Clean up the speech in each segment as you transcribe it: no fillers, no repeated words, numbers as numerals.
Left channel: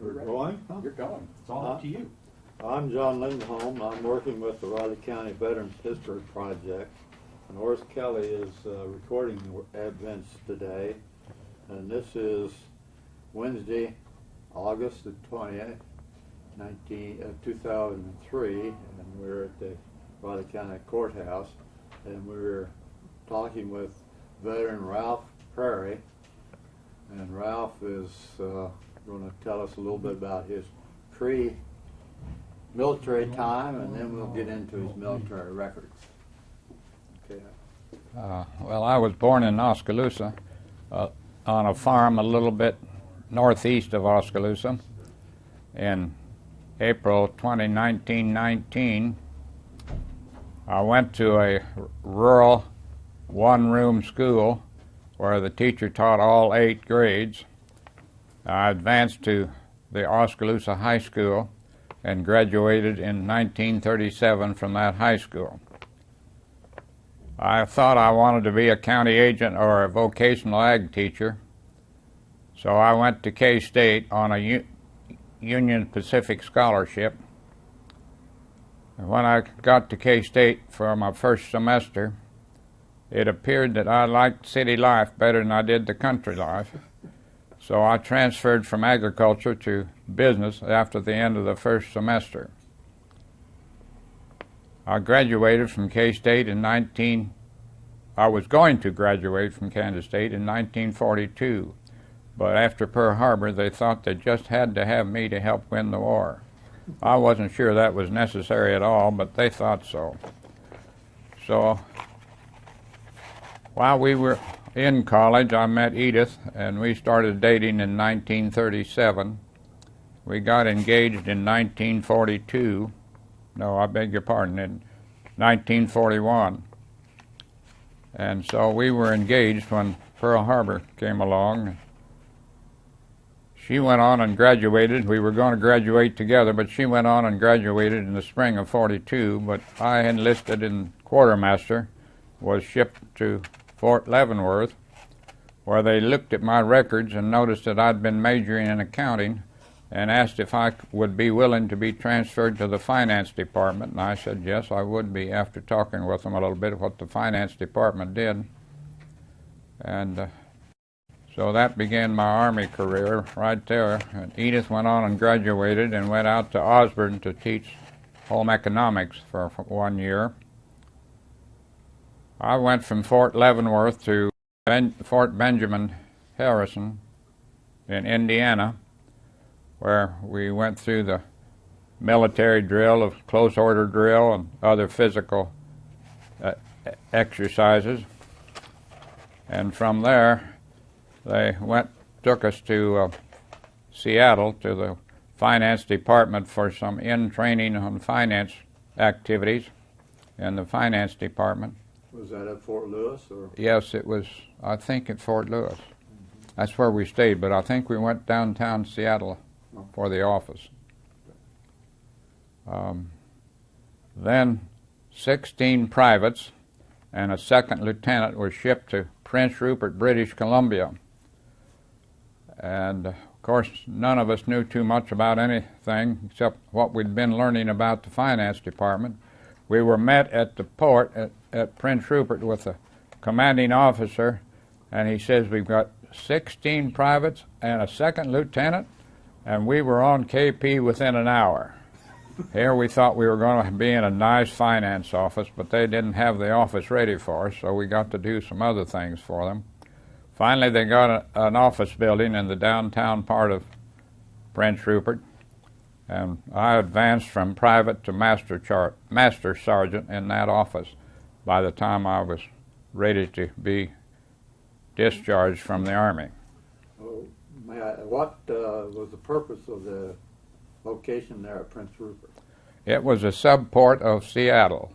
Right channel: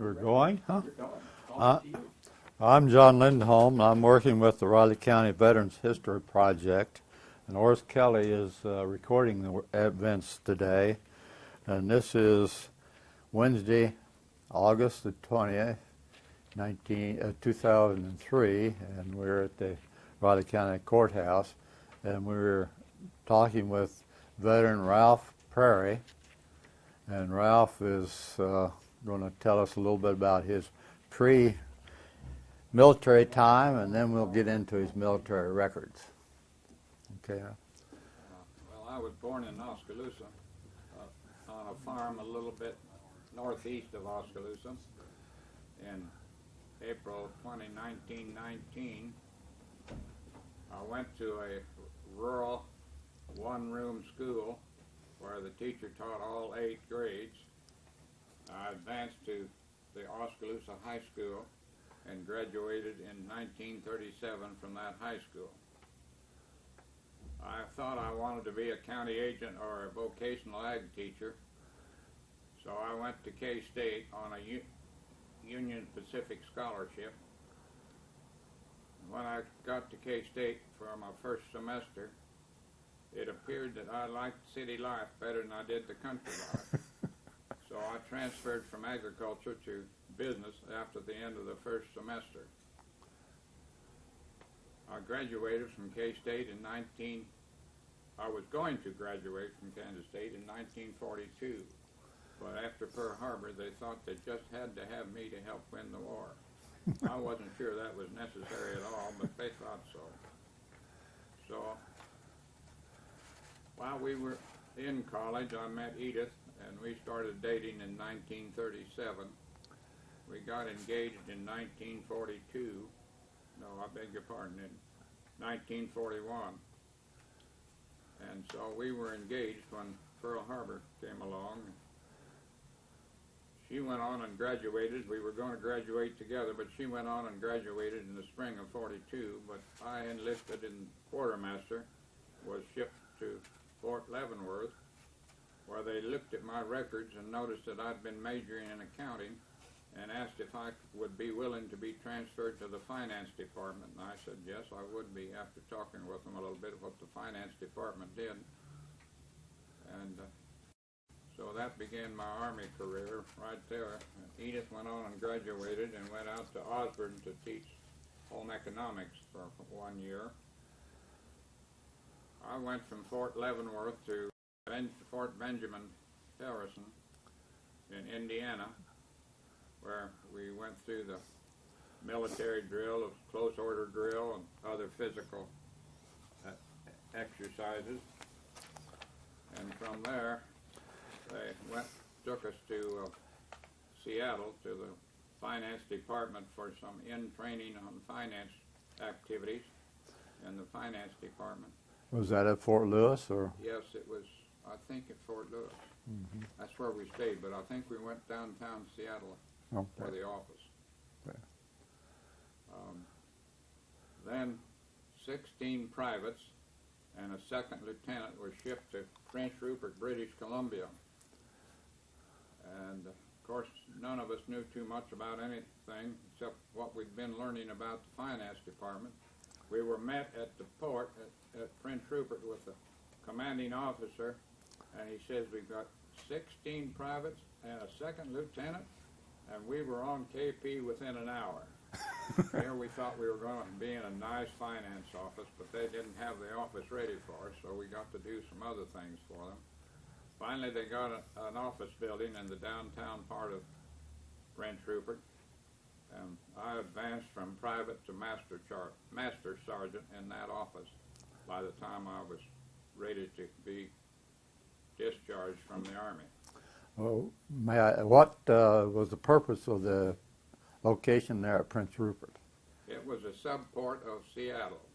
We're going? Huh? You're going. It's all up to you. I'm John Lindholm. I'm working with the Riley County Veterans History Project. And Horace Kelly is recording the events today. And this is Wednesday, August the 20th, 2003. And we're at the Riley County Courthouse. And we're talking with veteran Ralph Prairie. And Ralph is going to tell us a little bit about his pre-military time, and then we'll get into his military records. Okay. Well, I was born in Oskaloosa on a farm a little bit northeast of Oskaloosa. In April 1919, I went to a rural one-room school where the teacher taught all 8 grades. I advanced to the Oskaloosa High School and graduated in 1937 from that high school. I thought I wanted to be a county agent or a vocational ag teacher, so I went to K-State on a Union Pacific scholarship. And when I got to K-State for my first semester, it appeared that I liked city life better than I did the country life. So I transferred from agriculture to business after the end of the first semester. I graduated from K-State I was going to graduate from Kansas State in 1942, but after Pearl Harbor they thought they just had to have me to help win the war. I wasn't sure that was necessary at all, but they thought so. So while we were in college, I met Edith, and we started dating in 1937. We got engaged in 1942. No, I beg your pardon, in 1941. And so we were engaged when Pearl Harbor came along. She went on and graduated. We were going to graduate together, but she went on and graduated in the spring of '42. But I enlisted in quartermaster, was shipped to Fort Leavenworth, where they looked at my records and noticed that I'd been majoring in accounting and asked if I would be willing to be transferred to the finance department. And I said yes, I would be, after talking with them a little bit of what the finance department did. And so that began my Army career right there. And Edith went on and graduated and went out to Osborne to teach home economics for 1 year. I went from Fort Leavenworth to Fort Benjamin Harrison in Indiana, where we went through the military drill of close order drill and other physical exercises. And from there, they took us to Seattle to the finance department for some in-training on finance activities in the finance department. Was that at Fort Lewis, or? Yes, it was, I think, at Fort Lewis. Mm-hmm. That's where we stayed, but I think we went downtown Seattle for the office. Then 16 privates and a second lieutenant were shipped to Prince Rupert, British Columbia. And, of course, none of us knew too much about anything except what we'd been learning about the finance department. We were met at the port at Prince Rupert with the commanding officer, and he says, we've got 16 privates and a second lieutenant, and we were on KP within an hour. Here we thought we were going to be in a nice finance office, but they didn't have the office ready for us, so we got to do some other things for them. Finally, they got an office building in the downtown part of Prince Rupert, and I advanced from private to master sergeant in that office by the time I was ready to be discharged from the Army. Well, what was the purpose of the location there at Prince Rupert? It was a subport of Seattle.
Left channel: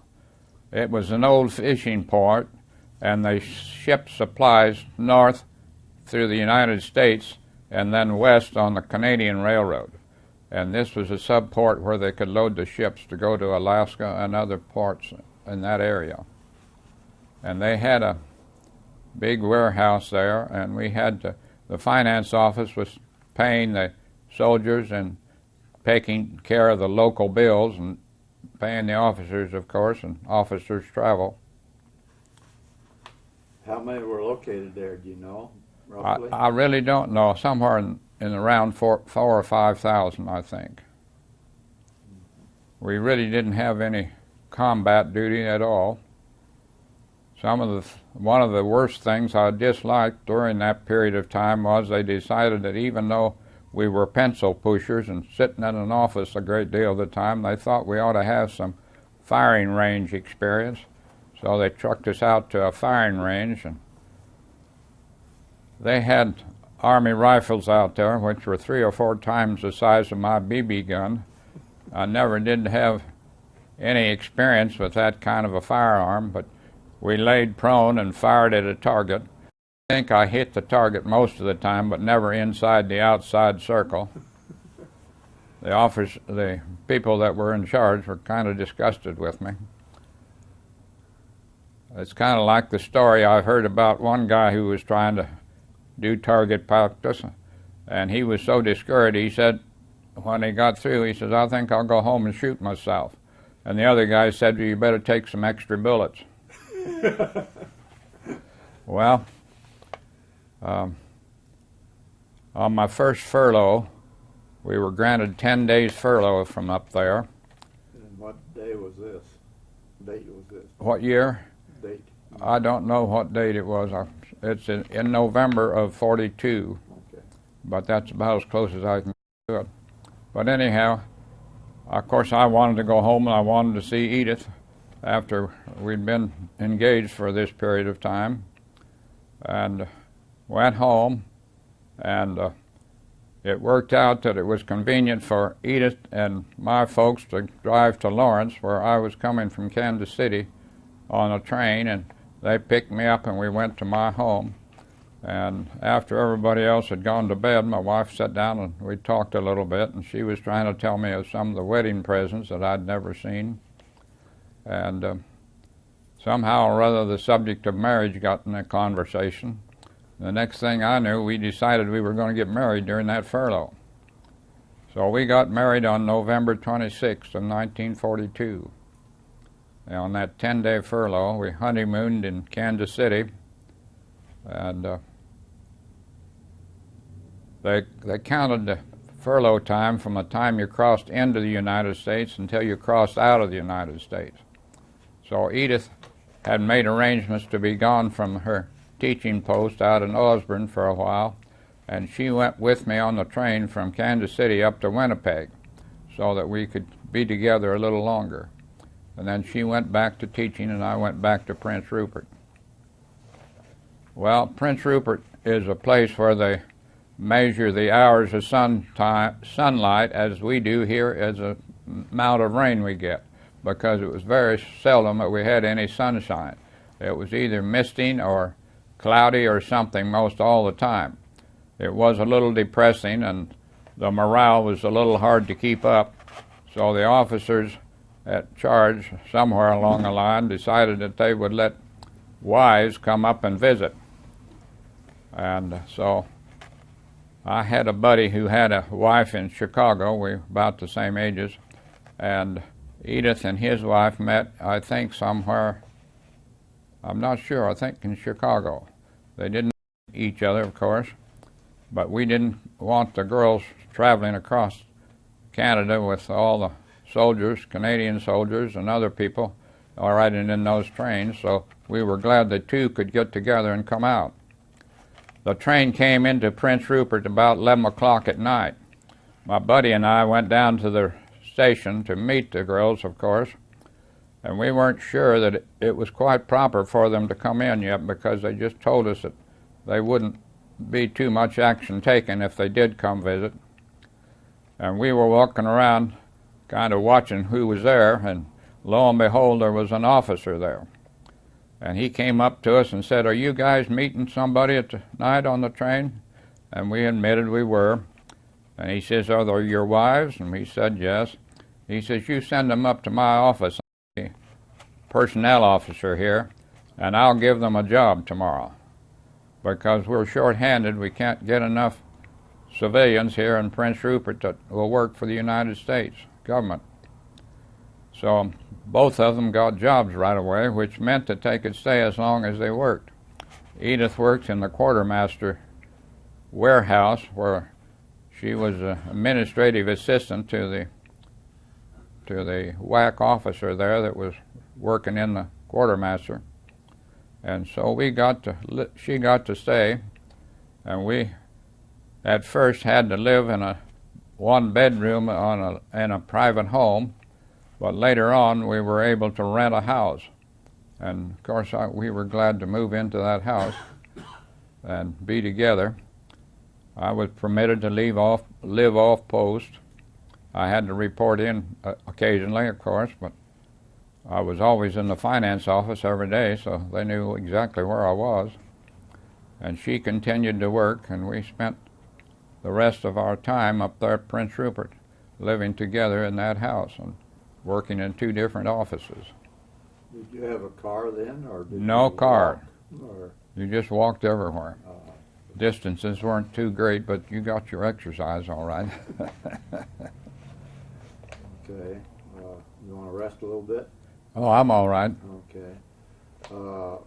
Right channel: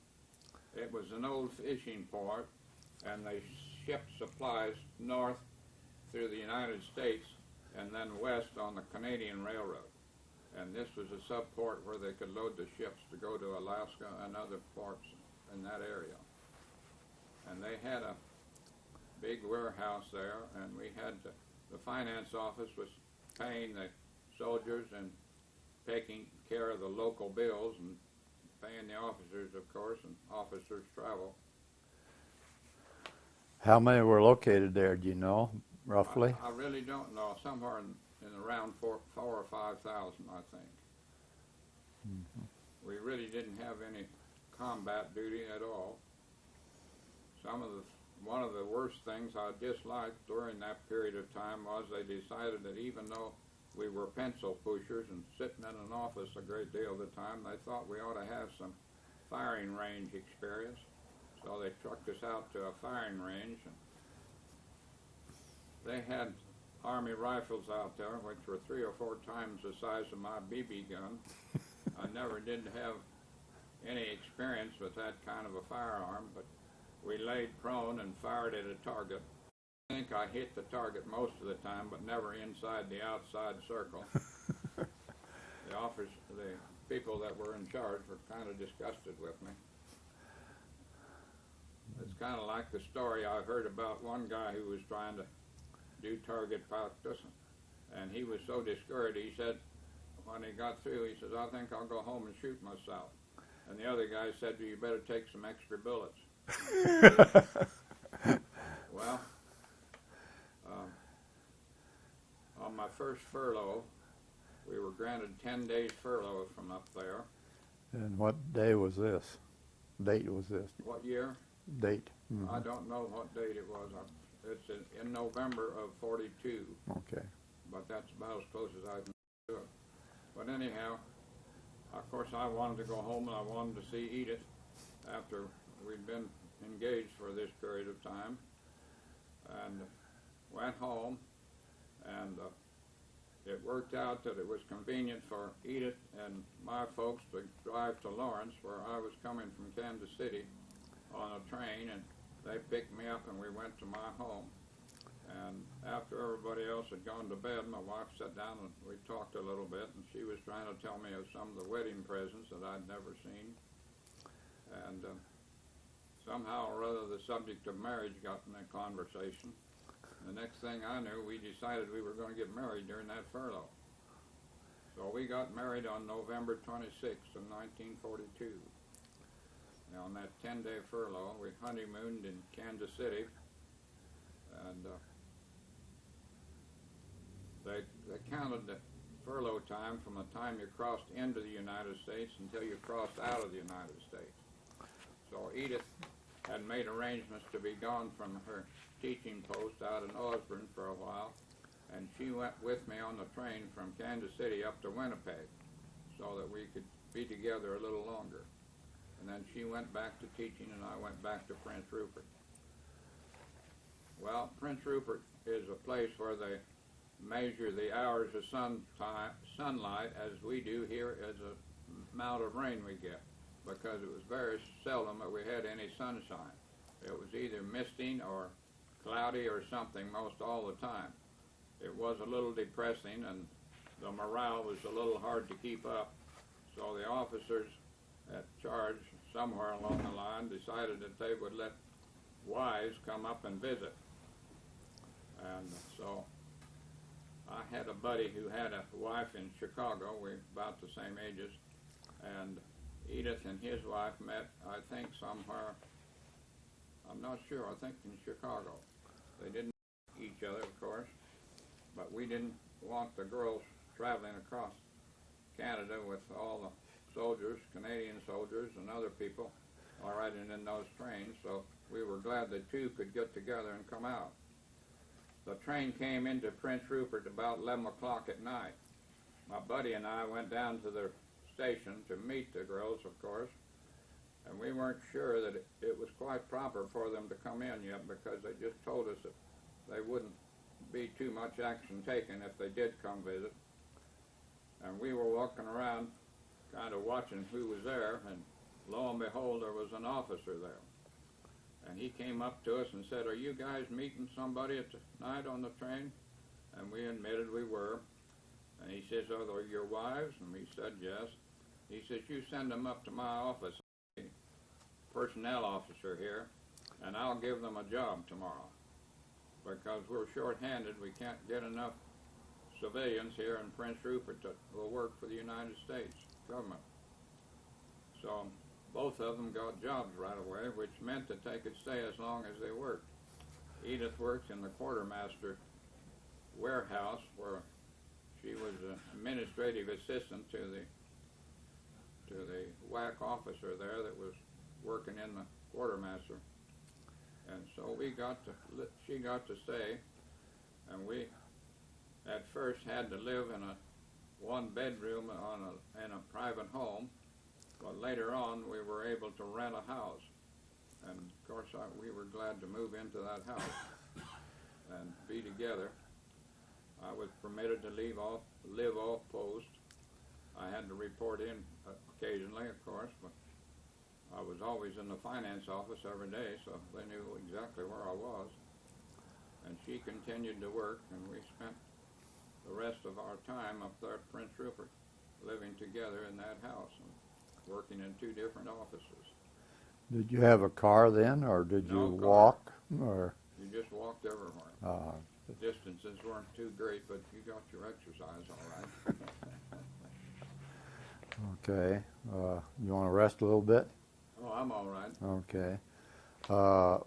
It was an old fishing port, and they shipped supplies north through the United States and then west on the Canadian Railroad. And this was a subport where they could load the ships to go to Alaska and other ports in that area. And they had a big warehouse there, and we had to, the finance office was paying the soldiers and taking care of the local bills and paying the officers, of course, and officers' travel. How many were located there, do you know, roughly? I really don't know. Somewhere in around 4,000 or 5,000, I think. We really didn't have any combat duty at all. One of the worst things I disliked during that period of time was they decided that even though we were pencil pushers and sitting in an office a great deal of the time, they thought we ought to have some firing range experience. So they trucked us out to a firing range, and they had Army rifles out there, which were 3 or 4 times the size of my BB gun. I never did have any experience with that kind of a firearm, but we laid prone and fired at a target. I think I hit the target most of the time, but never inside the outside circle. The people that were in charge were kind of disgusted with me. It's kind of like the story I heard about one guy who was trying to do target practice, and he was so discouraged, he said, when he got through, he says, "I think I'll go home and shoot myself." And the other guy said, "You better take some extra bullets." Well, on my first furlough, we were granted 10 days furlough from up there. And what day was this? Date was this? What year? Date. I don't know what date it was. It's in November of '42. Okay. But that's about as close as I can do it. But anyhow, of course, I wanted to go home and I wanted to see Edith after we'd been engaged for this period of time, and went home, and it worked out that it was convenient for Edith and my folks to drive to Lawrence, where I was coming from Kansas City on a train, and they picked me up and we went to my home. And after everybody else had gone to bed, my wife sat down and we talked a little bit, and she was trying to tell me of some of the wedding presents that I'd never seen. And somehow or other the subject of marriage got in the conversation. The next thing I knew, we decided we were going to get married during that furlough. So we got married on November 26th of 1942. And on that 10-day furlough, we honeymooned in Kansas City, and they counted the furlough time from the time you crossed into the United States until you crossed out of the United States. So Edith had made arrangements to be gone from her teaching post out in Osborne for a while, and she went with me on the train from Kansas City up to Winnipeg so that we could be together a little longer. And then she went back to teaching and I went back to Prince Rupert. Well, Prince Rupert is a place where they measure the hours of sunlight as we do here as the amount of rain we get, because it was very seldom that we had any sunshine. It was either misting or cloudy or something most all the time. It was a little depressing, and the morale was a little hard to keep up, so the officers at charge somewhere along the line decided that they would let wives come up and visit. And so I had a buddy who had a wife in Chicago. We were about the same ages, and Edith and his wife met, I think, somewhere, I'm not sure, I think in Chicago. They didn't know each other, of course, but we didn't want the girls traveling across Canada with all the soldiers, Canadian soldiers and other people, all riding in those trains, so we were glad the two could get together and come out. The train came into Prince Rupert about 11 o'clock at night. My buddy and I went down to the station to meet the girls, of course, and we weren't sure that it was quite proper for them to come in yet, because they just told us that they wouldn't be too much action taken if they did come visit. And we were walking around kind of watching who was there, and lo and behold, there was an officer there. And he came up to us and said, "Are you guys meeting somebody tonight on the train?" And we admitted we were. And he says, "Are they your wives?" And we said yes. He says, "You send them up to my office, I'm the personnel officer here, and I'll give them a job tomorrow. Because we're short-handed, we can't get enough civilians here in Prince Rupert that will work for the United States government. So both of them got jobs right away, which meant that they could stay as long as they worked. Edith worked in the quartermaster warehouse, where she was an administrative assistant to the WAC officer there that was working in the quartermaster. And so she got to stay, and we at first had to live in a one bedroom in a private home, but later on we were able to rent a house. And of course we were glad to move into that house and be together. I was permitted to live off post. I had to report in occasionally, of course, but I was always in the finance office every day, so they knew exactly where I was. And she continued to work, and we spent the rest of our time up there at Prince Rupert, living together in that house and working in 2 different offices. Did you have a car then, or did No you car. walk? Or You just walked everywhere. Distances weren't too great, but you got your exercise all right. okay. You want to rest a little bit? Oh, I'm all right. Okay.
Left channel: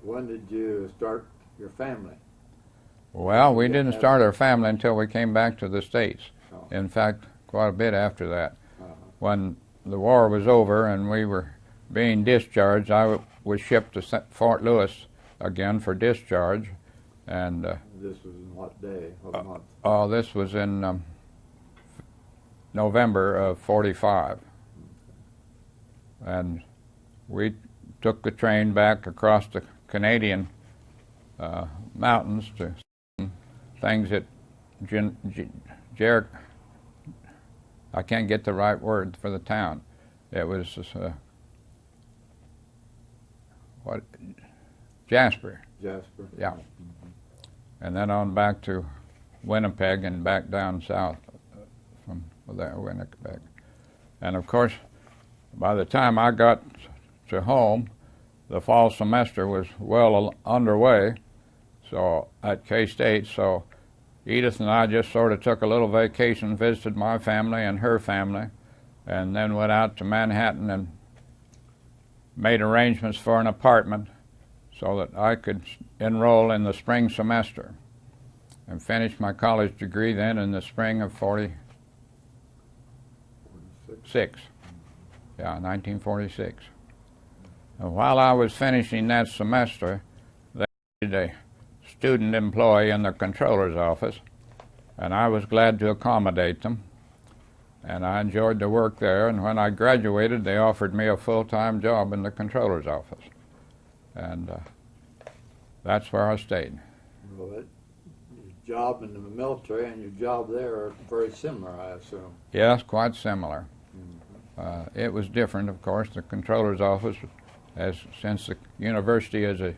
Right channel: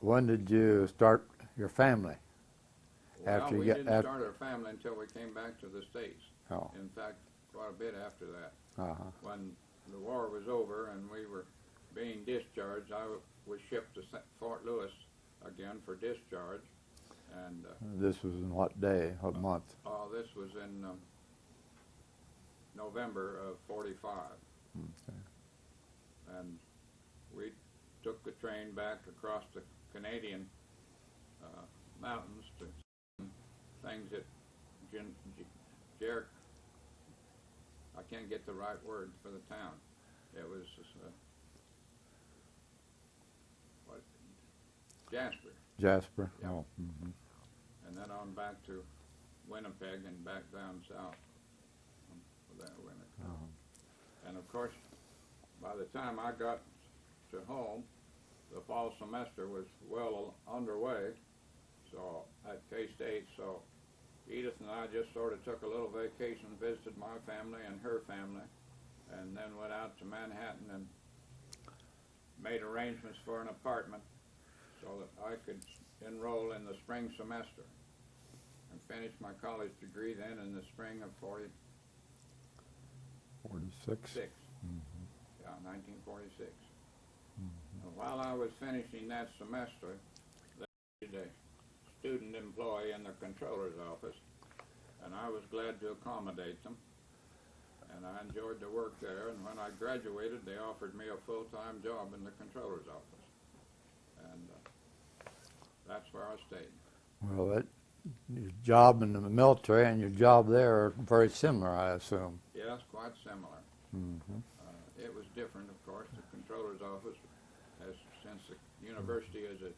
When did you start your family? Well, we didn't start our family until we came back to the States. Oh. In fact, quite a bit after that. Uh-huh. When the war was over and we were being discharged, I was shipped to Fort Lewis again for discharge. And this was in what day of month? This was in November of '45. And we took the train back across the Canadian mountains to things that I can't get the right word for the town. It was Jasper. Jasper. Yeah. Oh. Mm-hmm. And then on back to Winnipeg and back down south from there, Winnipeg. And of course, by the time I got to home, the fall semester was well underway, so at K-State, so Edith and I just sort of took a little vacation, visited my family and her family, and then went out to Manhattan and made arrangements for an apartment so that I could enroll in the spring semester and finish my college degree then in the spring of 46. Yeah, 1946. And while I was finishing that semester, they needed a student employee in the controller's office, and I was glad to accommodate them. And I enjoyed the work there, and when I graduated, they offered me a full-time job in the controller's office. And that's where I stayed. Well, your job in the military and your job there are very similar, I assume. Yes, quite similar. Mm-hmm. It was different, of course. The controller's office, since the university is a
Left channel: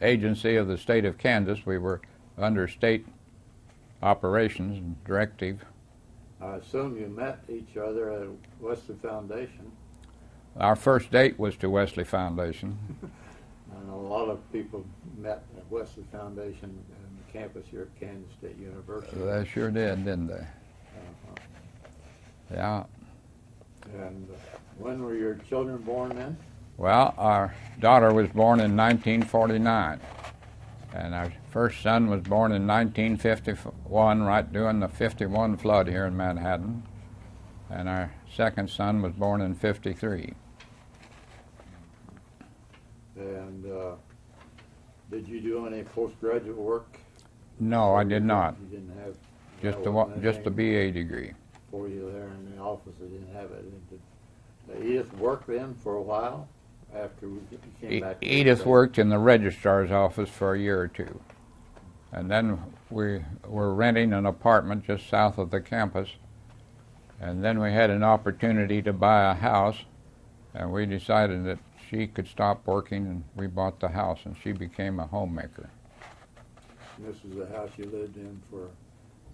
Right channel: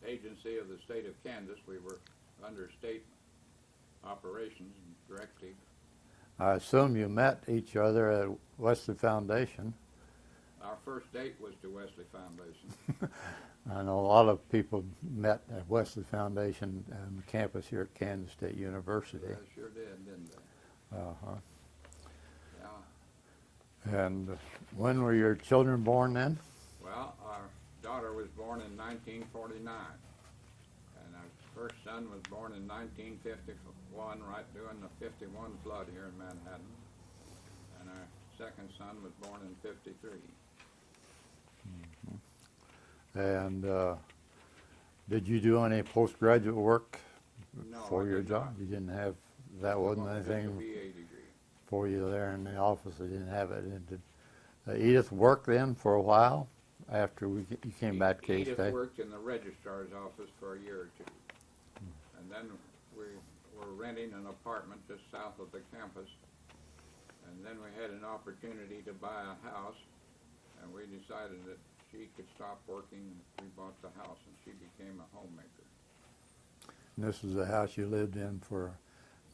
agency of the state of Kansas, we were under state operations and directive. I assume you met each other at Wesley Foundation. Our first date was to Wesley Foundation. I know a lot of people met at Wesley Foundation and the campus here at Kansas State University. They sure did, didn't they? Uh-huh. Yeah. And when were your children born then? Well, our daughter was born in 1949, and our first son was born in 1951, right during the '51 flood here in Manhattan, and our second son was born in '53. And did you do any postgraduate work? No, I did not. You didn't have Just the BA degree. For you there in the office, they didn't have it. Did Edith work then for a while after you came back? Edith worked in the registrar's office for a year or two, and then we were renting an apartment just south of the campus, and then we had an opportunity to buy a house, and we decided that she could stop working, and we bought the house, and she became a homemaker. And this was the house you lived in for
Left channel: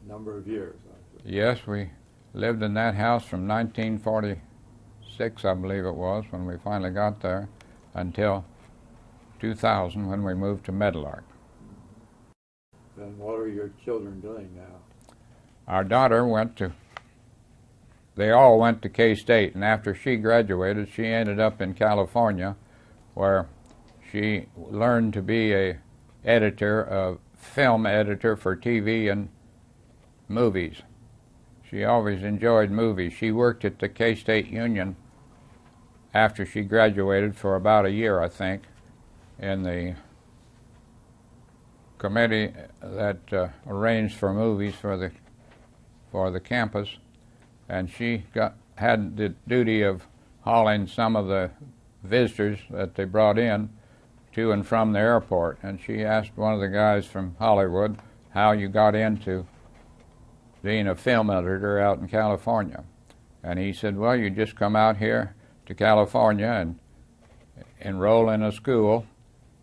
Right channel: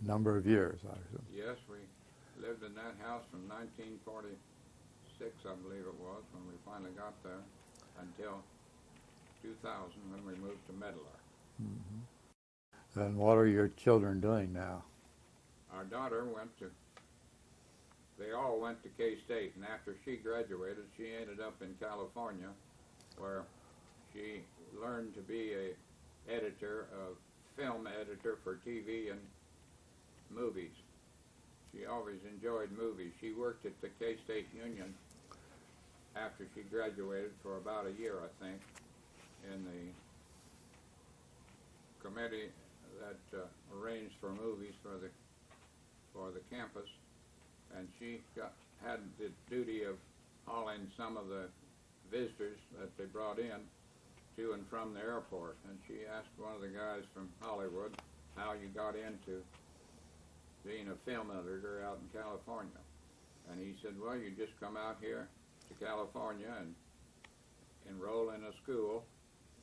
a number of years, I assume. Yes, we lived in that house from 1946, I believe it was, when we finally got there, until 2000 when we moved to Meadowlark. Mm-hmm. And what are your children doing now? Our daughter they all went to K-State, and after she graduated, she ended up in California, where she learned to be a film editor for TV and movies. She always enjoyed movies. She worked at the K-State Union after she graduated for about a year, I think, in the committee that arranged for movies for the campus, and she had the duty of hauling some of the visitors that they brought in to and from the airport. And she asked one of the guys from Hollywood how you got into being a film editor out in California. And he said, well, you just come out here to California and enroll in a school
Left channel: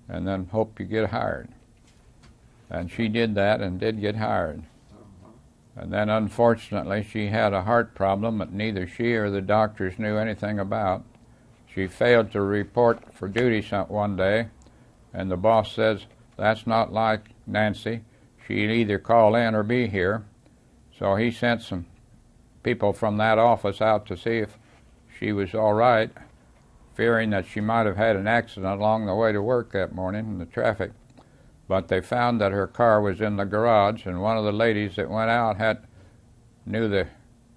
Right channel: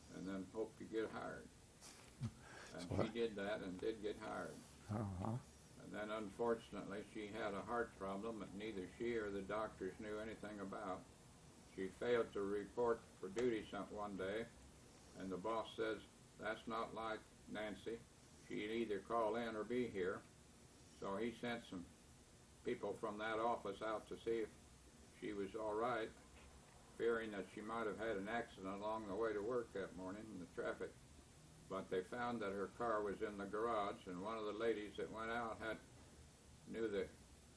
and then hope you get hired. And she did that and did get hired. And then unfortunately she had a heart problem that neither she or the doctors knew anything about. She failed to report for duty one day, and the boss says, that's not like Nancy. She'd either call in or be here. So he sent some people from that office out to see if she was all right, fearing that she might have had an accident along the way to work that morning in the traffic. But they found that her car was in the garage, and one of the ladies that went out knew the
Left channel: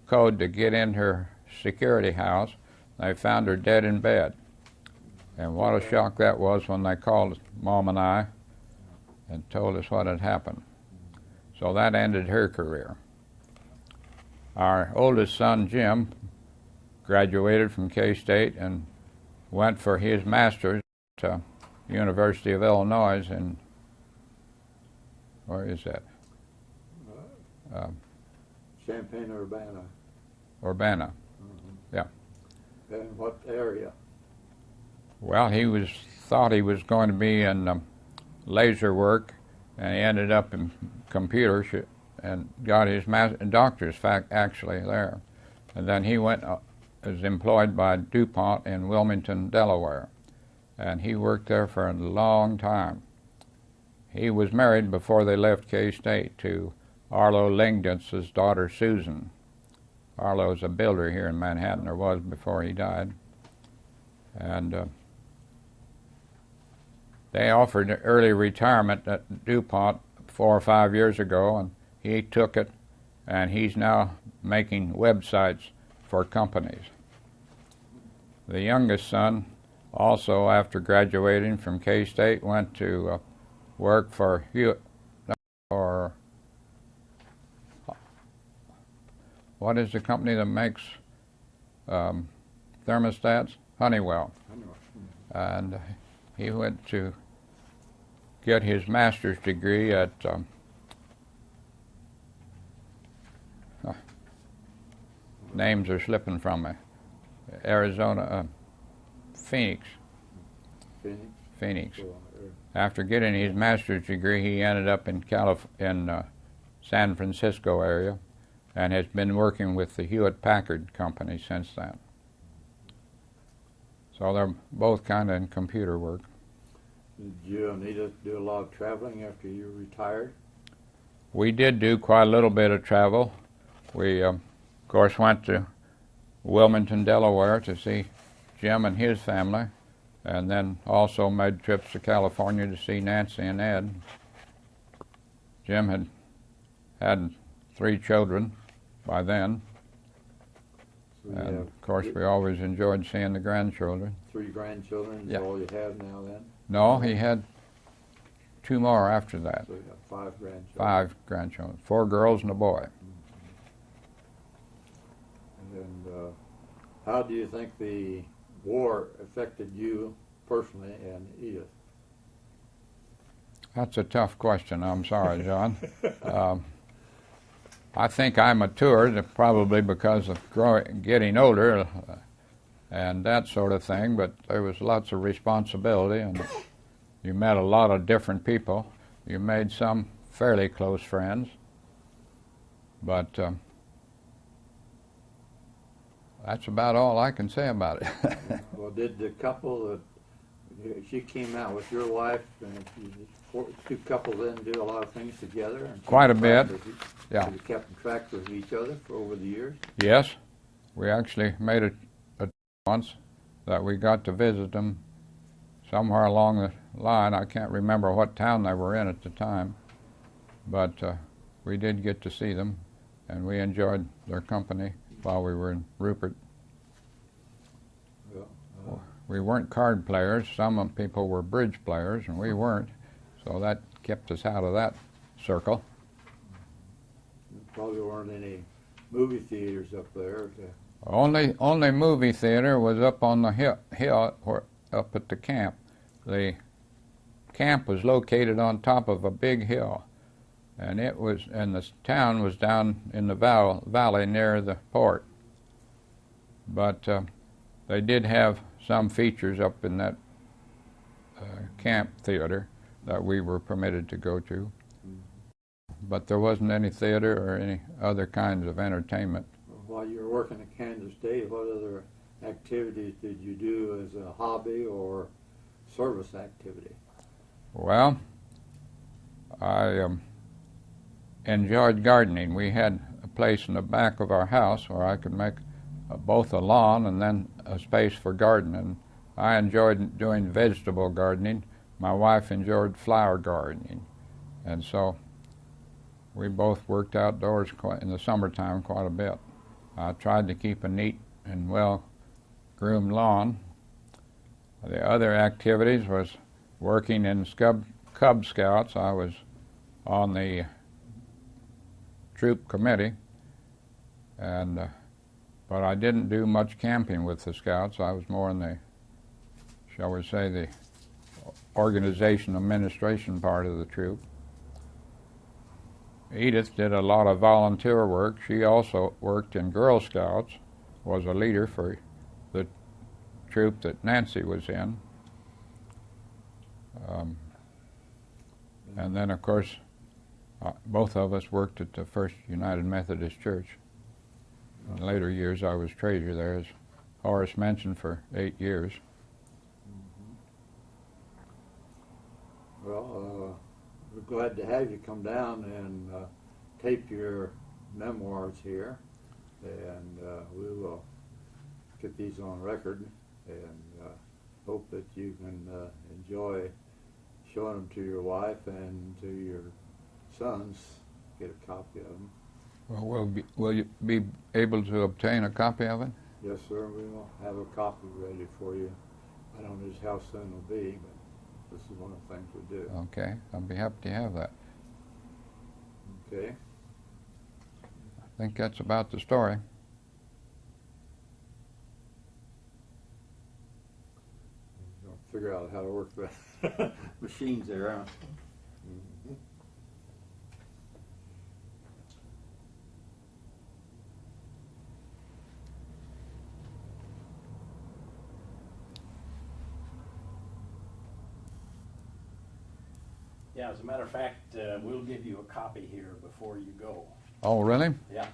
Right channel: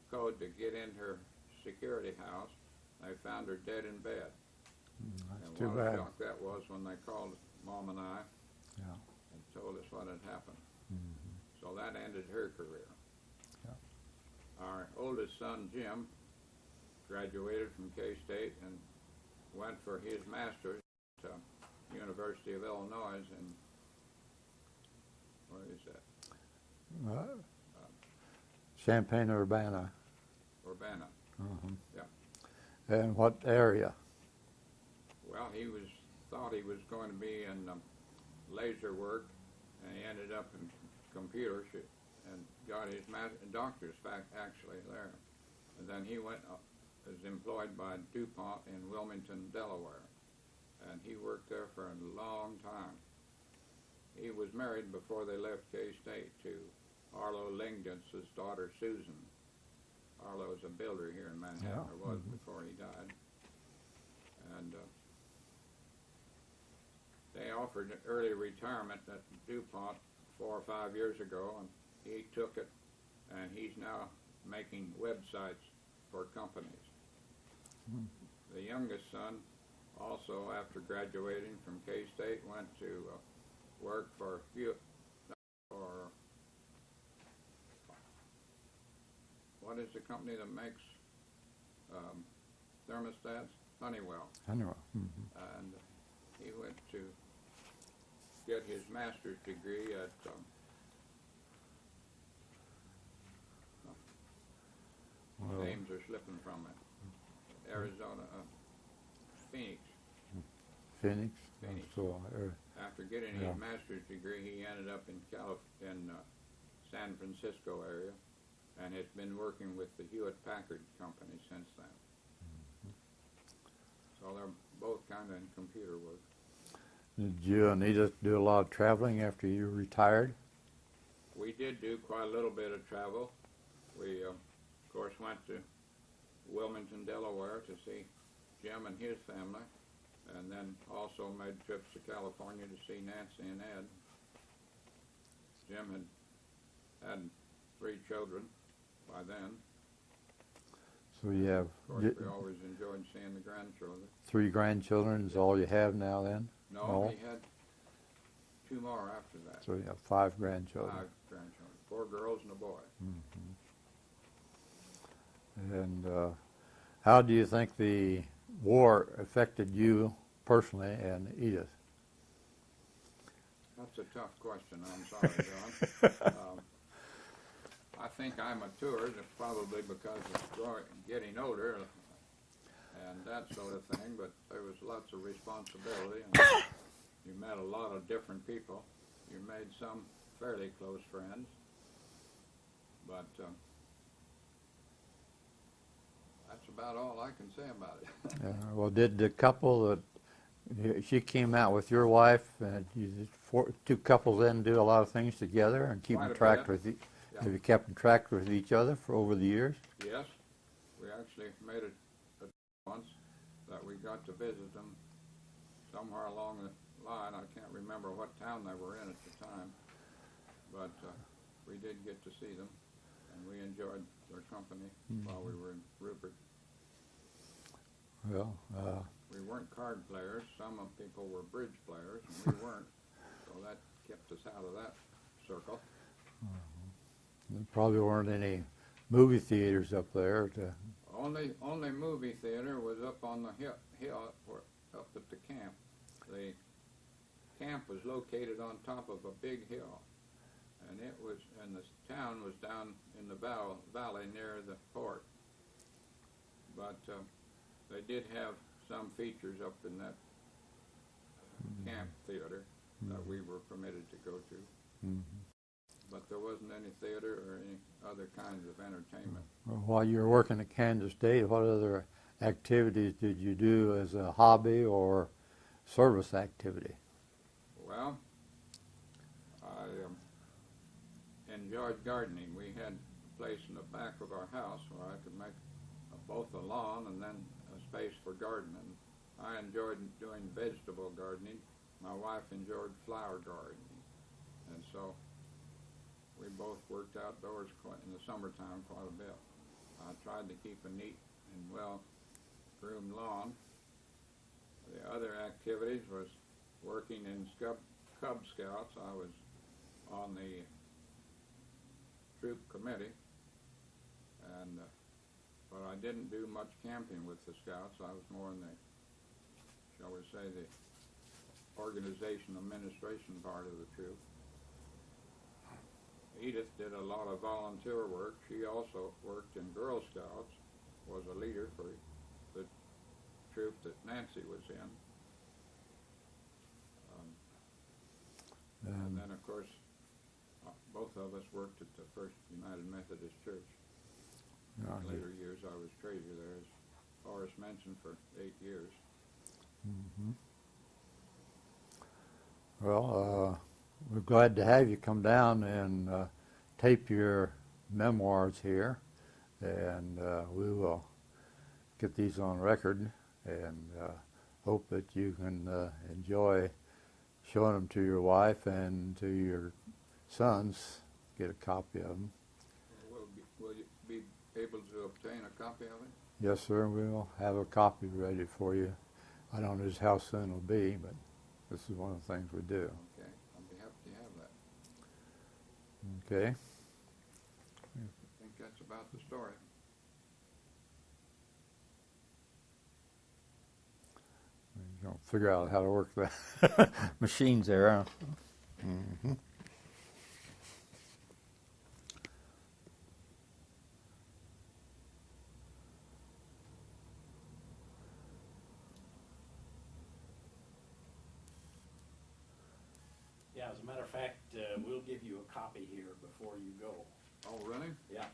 code to get in her security house. They found her dead in bed. And what a shock that was when they called Mom and I and told us what had happened. So that ended her career. Our oldest son, Jim, graduated from K-State and went for his master's at University of Illinois in, where is that? Champaign, Urbana. Urbana, yeah. And what area? Well, thought he was going to be in laser work, and he ended up in computers and got his doctor's actually there. And then he was employed by DuPont in Wilmington, Delaware, and he worked there for a long time. He was married before they left K-State to Arlo Lingditz's daughter, Susan. Arlo's a builder here in Manhattan, or was before he died. And they offered early retirement at DuPont 4 or 5 years ago, and he took it, and he's now making websites for companies. The youngest son, also after graduating from K-State, went to work for what is the company that makes thermostats? Honeywell. And he went to get his master's degree at names are slipping from me. Phoenix. Phoenix. Cool. After getting his master's degree, he ended up in San Francisco area, and has been working with the Hewlett-Packard company since then. So they're both kind of in computer work. Did you and Edith do a lot of traveling after you retired? We did do quite a little bit of travel. We, of course, went to Wilmington, Delaware to see Jim and his family, and then also made trips to California to see Nancy and Ed. Jim had 3 children by then. So you And have, of course, we always enjoyed seeing the grandchildren. 3 grandchildren is Yeah. all you have now then? No, he had 2 more after that. So you have 5 grandchildren. 5 grandchildren, 4 girls and a boy. And how do you think the war affected you personally and Edith? That's a tough question. I'm sorry, John. I think I matured probably because of getting older and that sort of thing, but there was lots of responsibility, and you met a lot of different people. You made some fairly close friends, but that's about all I can say about it. Well, did the couple that she came out with your wife, and you 2 couples then do a lot of things together? And keep Quite a track bit. of Yeah. Have you kept in track with each other for over the years? Yes, we actually made a once that we got to visit them somewhere along the line. I can't remember what town they were in at the time, but we did get to see them, and we enjoyed their company while we were in Rupert. Well, We weren't card players. Some people were bridge players, and we weren't, so that kept us out of that circle. there probably weren't any movie theaters up there. Only movie theater was up on the hill up at the camp. The camp was located on top of a big hill, and the town was down in the valley near the port. But they did have some features up in that camp theater that we were permitted to go to. But there wasn't any theater or any other kinds of entertainment. While you were working at Kansas State, what other activities did you do as a hobby or service activity? Well, I enjoyed gardening. We had a place in the back of our house where I could make both a lawn and then a space for gardening. I enjoyed doing vegetable gardening. My wife enjoyed flower gardening. And so we both worked outdoors in the summertime quite a bit. I tried to keep a neat and well-groomed lawn. The other activities was working in Cub Scouts. I was on the troop committee, and but I didn't do much camping with the Scouts. I was more in the, shall we say, the organization administration part of the troop. Edith did a lot of volunteer work. She also worked in Girl Scouts, was a leader for the troop that Nancy was in. And then, of course, both of us worked at the First United Methodist Church. In later years, I was treasurer there, as Horace mentioned, for 8 years. Well, we're glad to have you come down and tape your memoirs here, and we will get these on record, and hope that you can enjoy showing them to your wife and to your sons. Get a copy of them. Well, will you be able to obtain a copy of it? Yes, sir. We'll have a copy ready for you. I don't know just how soon it'll be, but this is one of the things we do. Okay, I'll be happy to have that. Okay. I think that's about the story. Don't figure out how to work the machines there, huh? Mm-hmm. Yeah, as a matter of fact, we'll give you a copy here before you go. Oh, really? Yeah.